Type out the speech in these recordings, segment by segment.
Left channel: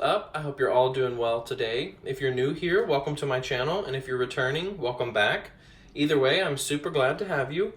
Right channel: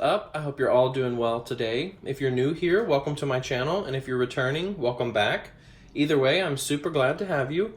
up? I hope you're all doing well today. If you're new here, welcome to my channel, and if you're returning, welcome back. Either way, I'm super glad to have you.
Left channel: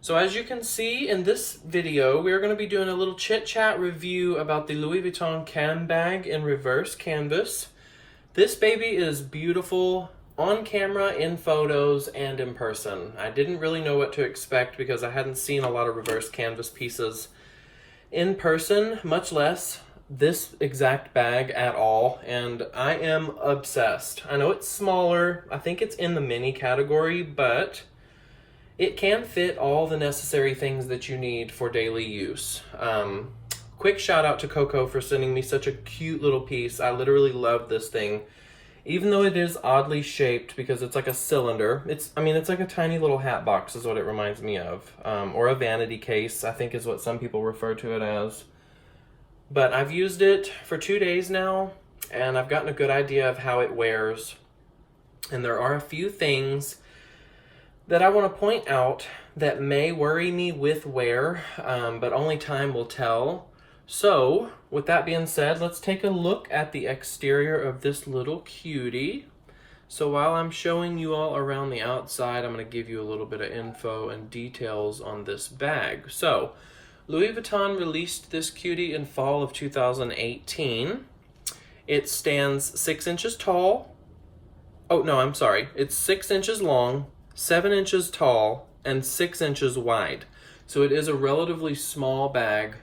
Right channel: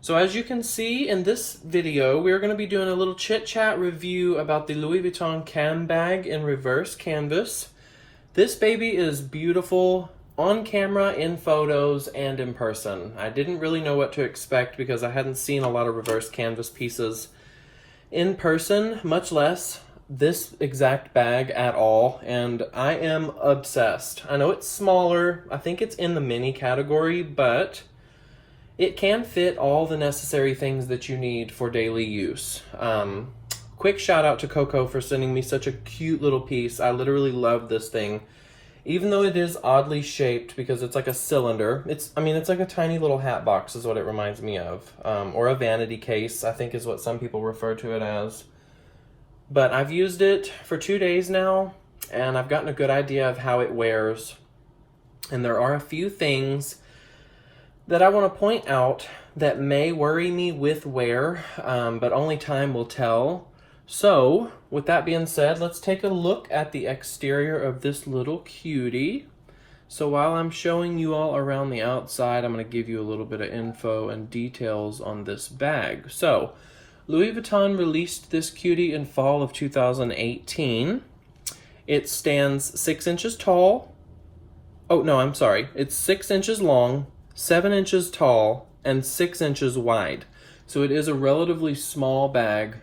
So as you can see in this video, we're going to be doing a little chit-chat review about the Louis Vuitton Cannes bag in reverse canvas. This baby is beautiful on camera, in photos, and in person. I didn't really know what to expect because I hadn't seen a lot of reverse canvas pieces in person, much less this exact bag at all, and I am obsessed. I know it's smaller, I think it's in the mini category, but it can fit all the necessary things that you need for daily use. Quick shout out to Coco for sending me such a cute little piece. I literally love this thing. Even though it is oddly shaped because it's like a cylinder, it's like a tiny little hat box is what it reminds me of, or a vanity case, I think is what some people refer to it as. But I've used it for 2 days now, and I've gotten a good idea of how it wears. And there are a few things that I want to point out that may worry me with wear, but only time will tell. So, with that being said, let's take a look at the exterior of this little cutie. So while I'm showing you all around the outside, I'm going to give you a little bit of info and details on this bag. So, Louis Vuitton released this cutie in fall of 2018. It stands 6 inches tall. Oh, no, I'm sorry. It's 6 inches long, 7 inches tall, and 6 inches wide. So it is a relatively small bag.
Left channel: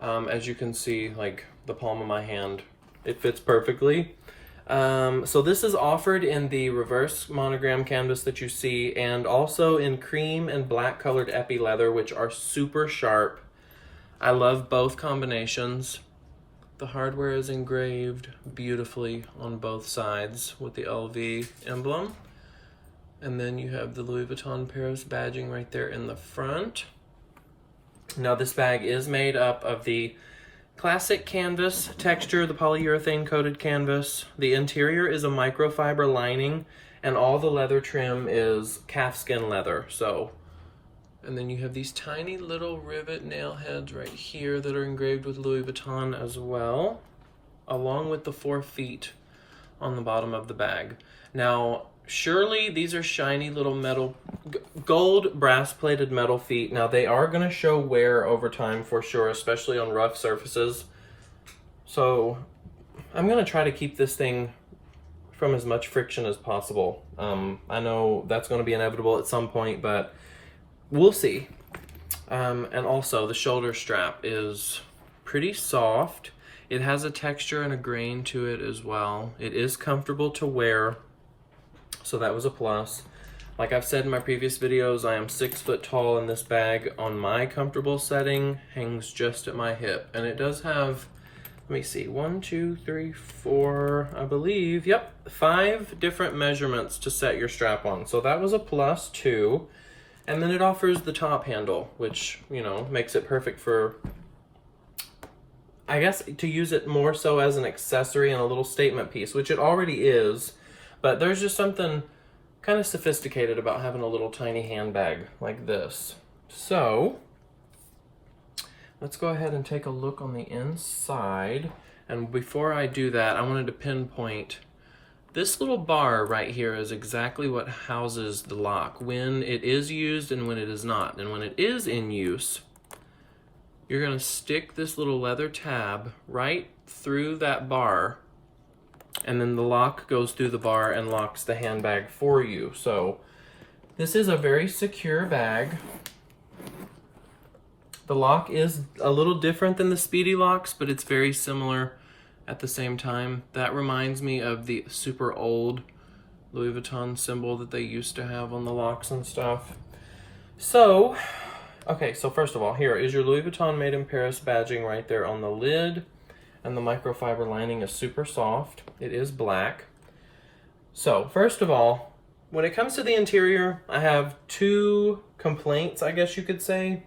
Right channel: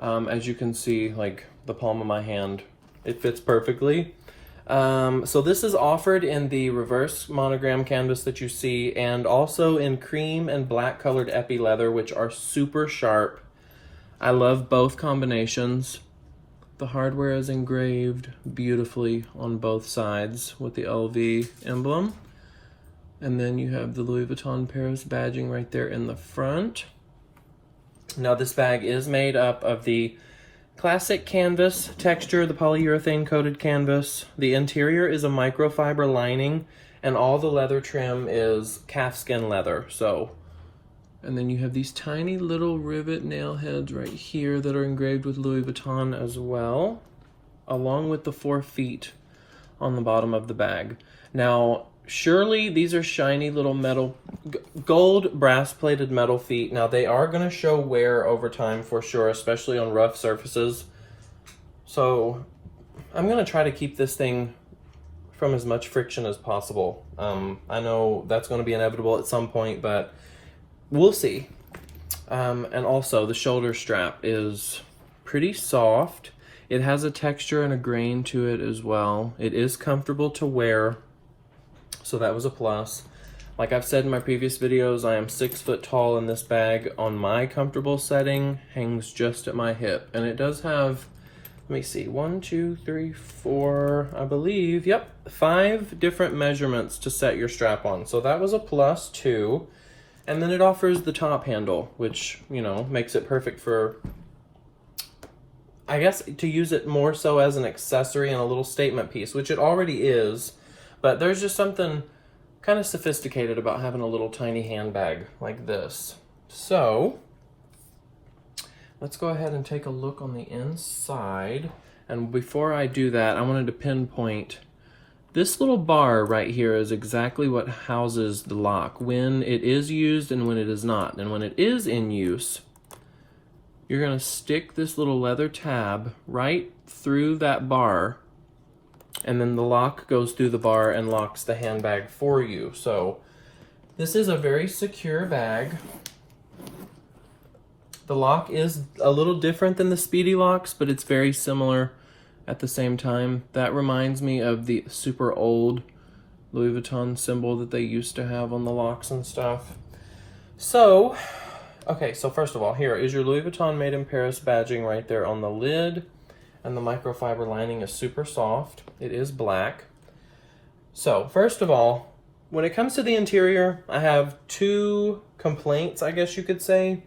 As you can see, like the palm of my hand, it fits perfectly. So this is offered in the reverse monogram canvas that you see, and also in cream and black colored epi leather, which are super sharp. I love both combinations. The hardware is engraved beautifully on both sides with the LV emblem. And then you have the Louis Vuitton Paris badging right there in the front. Now this bag is made up of the classic canvas texture, the polyurethane coated canvas. The interior is a microfiber lining, and all the leather trim is calfskin leather. And then you have these tiny little rivet nail heads right here that are engraved with Louis Vuitton as well, along with the 4 feet on the bottom of the bag. Now, surely these are shiny little metal, gold brass plated metal feet. Now they are going to show wear over time for sure, especially on rough surfaces. So I'm going to try to keep this thing from as much friction as possible. I know that's going to be inevitable at some point, but we'll see. And also the shoulder strap is pretty soft. It has a texture and a grain to it as well. It is comfortable to wear, so that was a plus. Like I've said in my previous videos, I am 6 foot tall, and this bag on my comfortable setting hangs just at my hip. And it does have, let me see, 1, 2, 3, 4, I believe, yep, 5 different measurements to set your strap on. So that was a plus too. And then it offers the top handle, which, you know, makes it perfect for, I guess, to use it more so as an accessory and a little statement piece, which it already is. But there's just something kind of sophisticated about having a little tiny handbag like this. So let's go ahead and take a look on the inside. And before I do that, I wanted to pinpoint this little bar right here is exactly what houses the lock when it is used and when it is not. And when it is in use, you're going to stick this little leather tab right through that bar, and then the lock goes through the bar and locks the handbag for you. So this is a very secure bag. The lock is a little different than the Speedy locks, but it's very similar at the same time. That reminds me of the super old Louis Vuitton symbol that they used to have on the locks and stuff. So, okay, so first of all, here is your Louis Vuitton Made in Paris badging right there on the lid. And the microfiber lining is super soft. It is black. So, first of all, when it comes to the interior, I have 2 complaints, I guess you could say.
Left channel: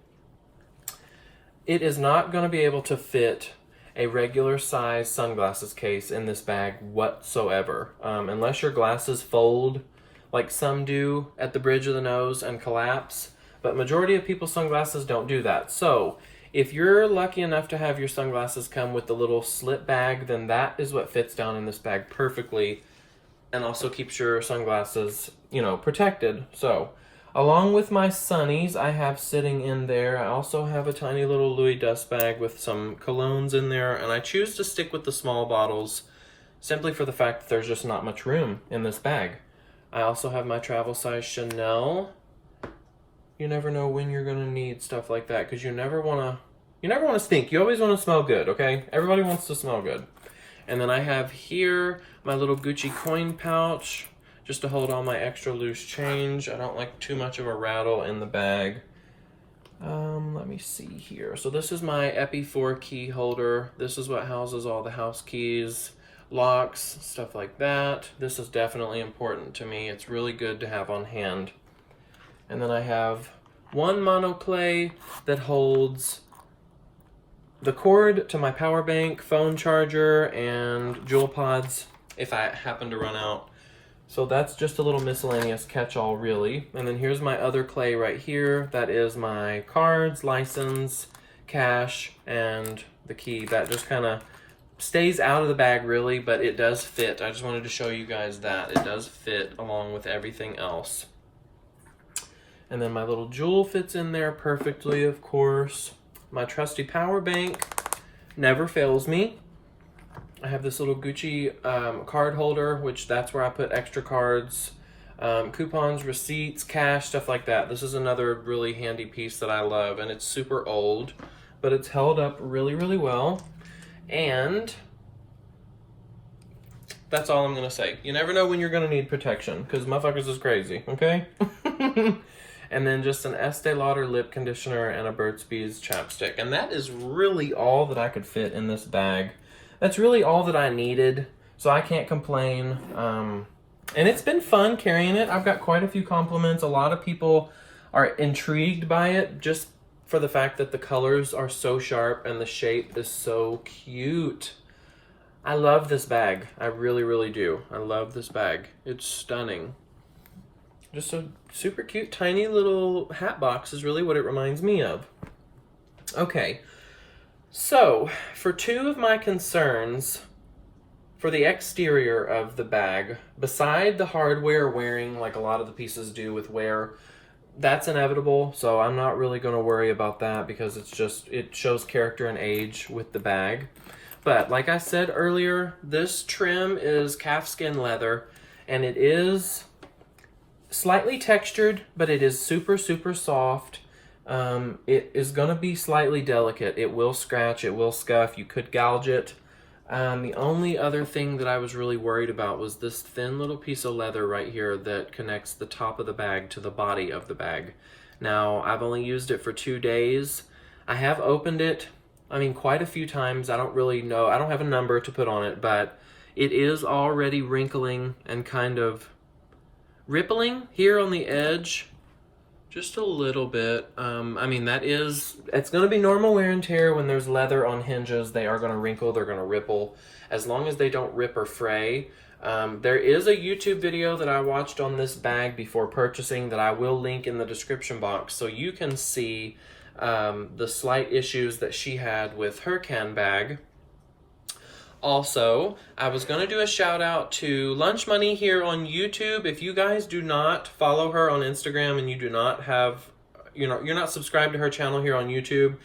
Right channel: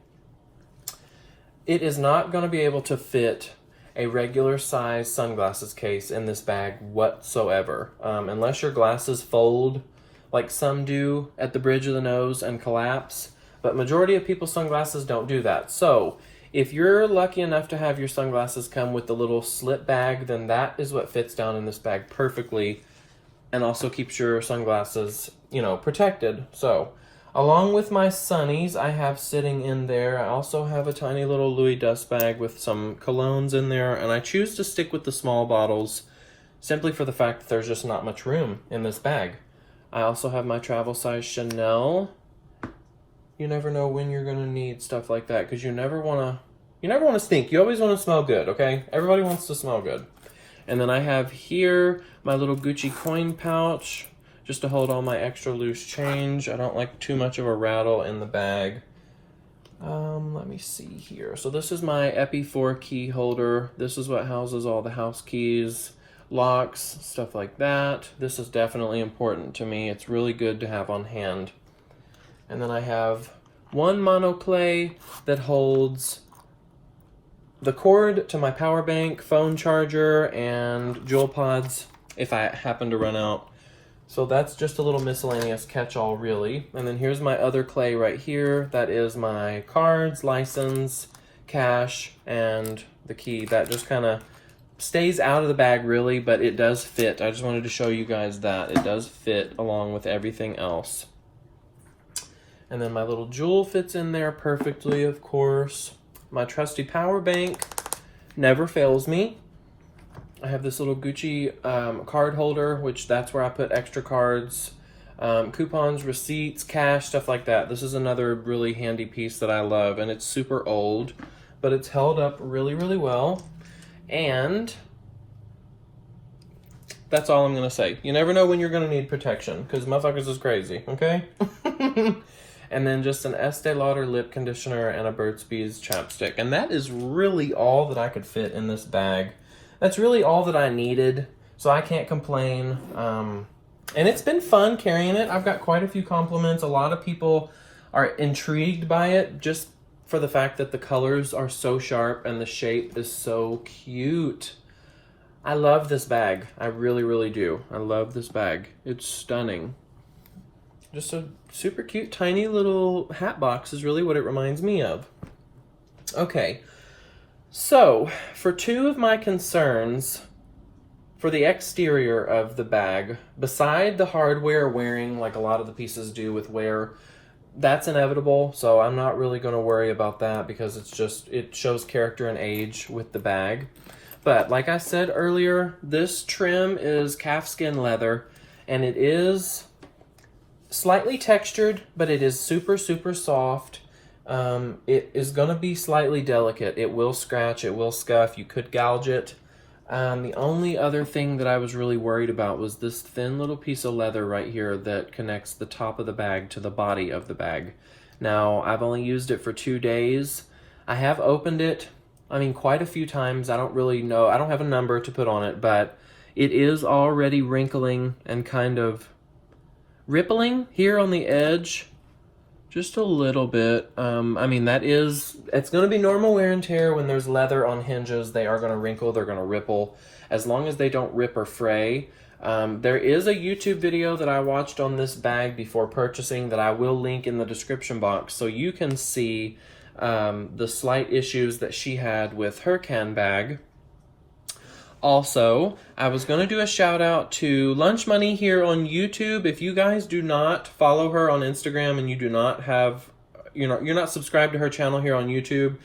It is not going to be able to fit a regular size sunglasses case in this bag whatsoever. Unless your glasses fold like some do at the bridge of the nose and collapse. But majority of people's sunglasses don't do that. So If you're lucky enough to have your sunglasses come with the little slip bag, then that is what fits down in this bag perfectly and also keeps your sunglasses, you know, protected. So, along with my sunnies I have sitting in there, I also have a tiny little Louis dust bag with some colognes in there, and I choose to stick with the small bottles simply for the fact that there's just not much room in this bag. I also have my travel size Chanel. You never know when you're gonna need stuff like that, because you never wanna stink. You always wanna smell good, okay? Everybody wants to smell good. And then I have here my little Gucci coin pouch, just to hold all my extra loose change. I don't like too much of a rattle in the bag. Let me see here. So this is my Epi 4 key holder. This is what houses all the house keys, locks, stuff like that. This is definitely important to me. It's really good to have on hand. And then I have one monoclay that holds the cord to my power bank, phone charger, and jewel pods if I happen to run out. So that's just a little miscellaneous catch-all, really. And then here's my other clay right here. That is my cards, license, cash, and the key. That just kind of stays out of the bag, really, but it does fit. I just wanted to show you guys that. It does fit along with everything else. And then my little jewel fits in there perfectly, of course. My trusty power bank never fails me. I have this little Gucci card holder, which that's where I put extra cards, coupons, receipts, cash, stuff like that. This is another really handy piece that I love, and it's super old, but it's held up really, really well. And that's all I'm gonna say. You never know when you're gonna need protection, because motherfuckers is crazy, okay? And then just an Estee Lauder lip conditioner and a Burt's Bees chapstick. And that is really all that I could fit in this bag. That's really all that I needed, so I can't complain. And it's been fun carrying it. I've got quite a few compliments. A lot of people are intrigued by it just for the fact that the colors are so sharp and the shape is so cute. I love this bag. I really, really do. I love this bag. It's stunning. Just a super cute, tiny little hat box is really what it reminds me of. Okay, so for two of my concerns for the exterior of the bag, beside the hardware wearing like a lot of the pieces do with wear, that's inevitable, so I'm not really going to worry about that because it shows character and age with the bag. But like I said earlier, this trim is calfskin leather, and it is slightly textured, but it is super, super soft. It is going to be slightly delicate. It will scratch, it will scuff, you could gouge it. The only other thing that I was really worried about was this thin little piece of leather right here that connects the top of the bag to the body of the bag. Now, I've only used it for 2 days. I have opened it, quite a few times. I don't really know, I don't have a number to put on it, but it is already wrinkling and kind of rippling here on the edge, just a little bit. It's going to be normal wear and tear when there's leather on hinges. They are going to wrinkle, they're going to ripple, as long as they don't rip or fray. There is a YouTube video that I watched on this bag before purchasing that I will link in the description box, so you can see the slight issues that she had with her Cannes bag. Also, I was going to do a shout out to Lunch Money here on YouTube. If you guys do not follow her on Instagram and you do not have, you're not subscribed to her channel here on YouTube,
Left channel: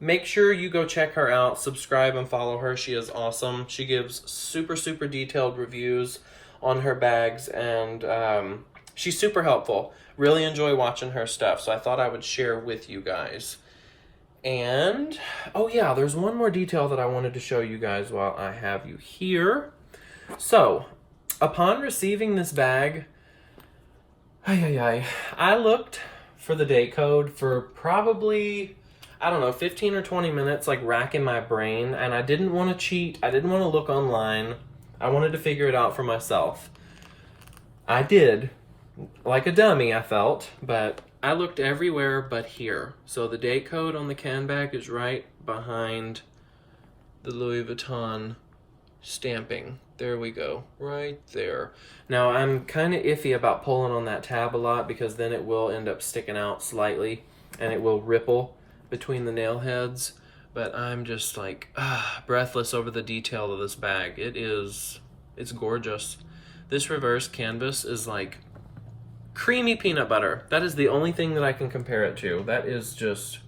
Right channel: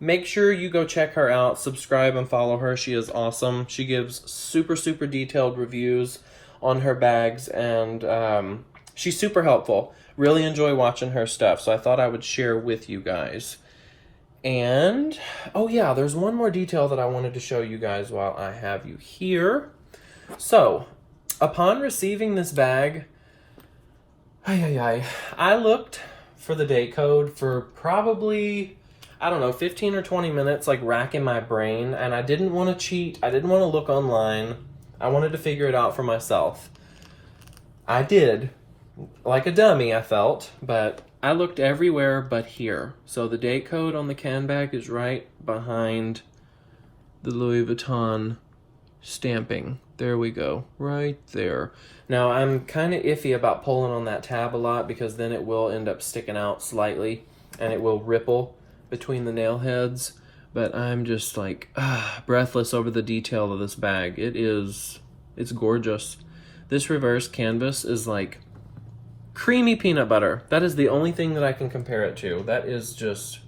make sure you go check her out, subscribe and follow her. She is awesome. She gives super, super detailed reviews on her bags, and she's super helpful. Really enjoy watching her stuff, so I thought I would share with you guys. And, oh yeah, there's one more detail that I wanted to show you guys while I have you here. So, upon receiving this bag, I looked for the date code for probably, 15 or 20 minutes, like racking my brain, and I didn't want to cheat. I didn't want to look online. I wanted to figure it out for myself. I did, like a dummy, I felt, but I looked everywhere but here. So the date code on the Cannes bag is right behind the Louis Vuitton stamping. There we go, right there. Now I'm kind of iffy about pulling on that tab a lot because then it will end up sticking out slightly and it will ripple. between the nail heads, but I'm just like breathless over the detail of this bag. It's gorgeous. This reverse canvas is like creamy peanut butter. That is the only thing that I can compare it to. That is just,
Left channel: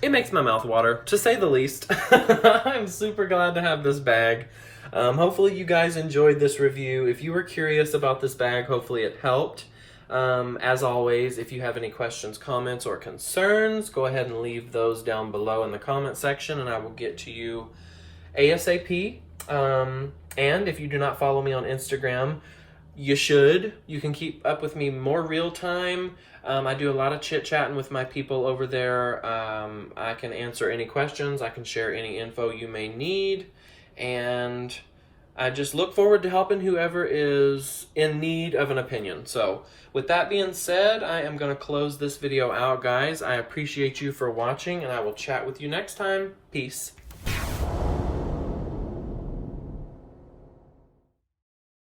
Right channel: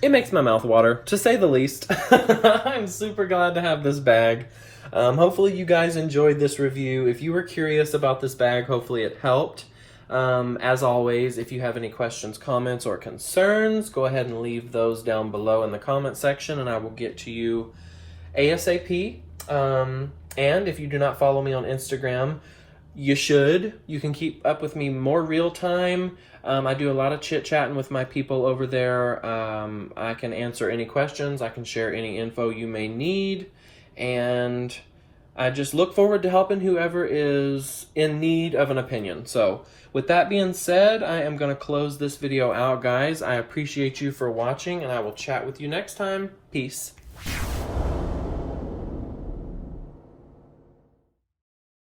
it makes my mouth water, to say the least. I'm super glad to have this bag. Hopefully you guys enjoyed this review. If you were curious about this bag, hopefully it helped. As always, if you have any questions, comments, or concerns, go ahead and leave those down below in the comment section and I will get to you ASAP. And if you do not follow me on Instagram, you should. You can keep up with me more real time. I do a lot of chit-chatting with my people over there. I can answer any questions. I can share any info you may need. And I just look forward to helping whoever is in need of an opinion. So with that being said, I am going to close this video out, guys. I appreciate you for watching, and I will chat with you next time. Peace.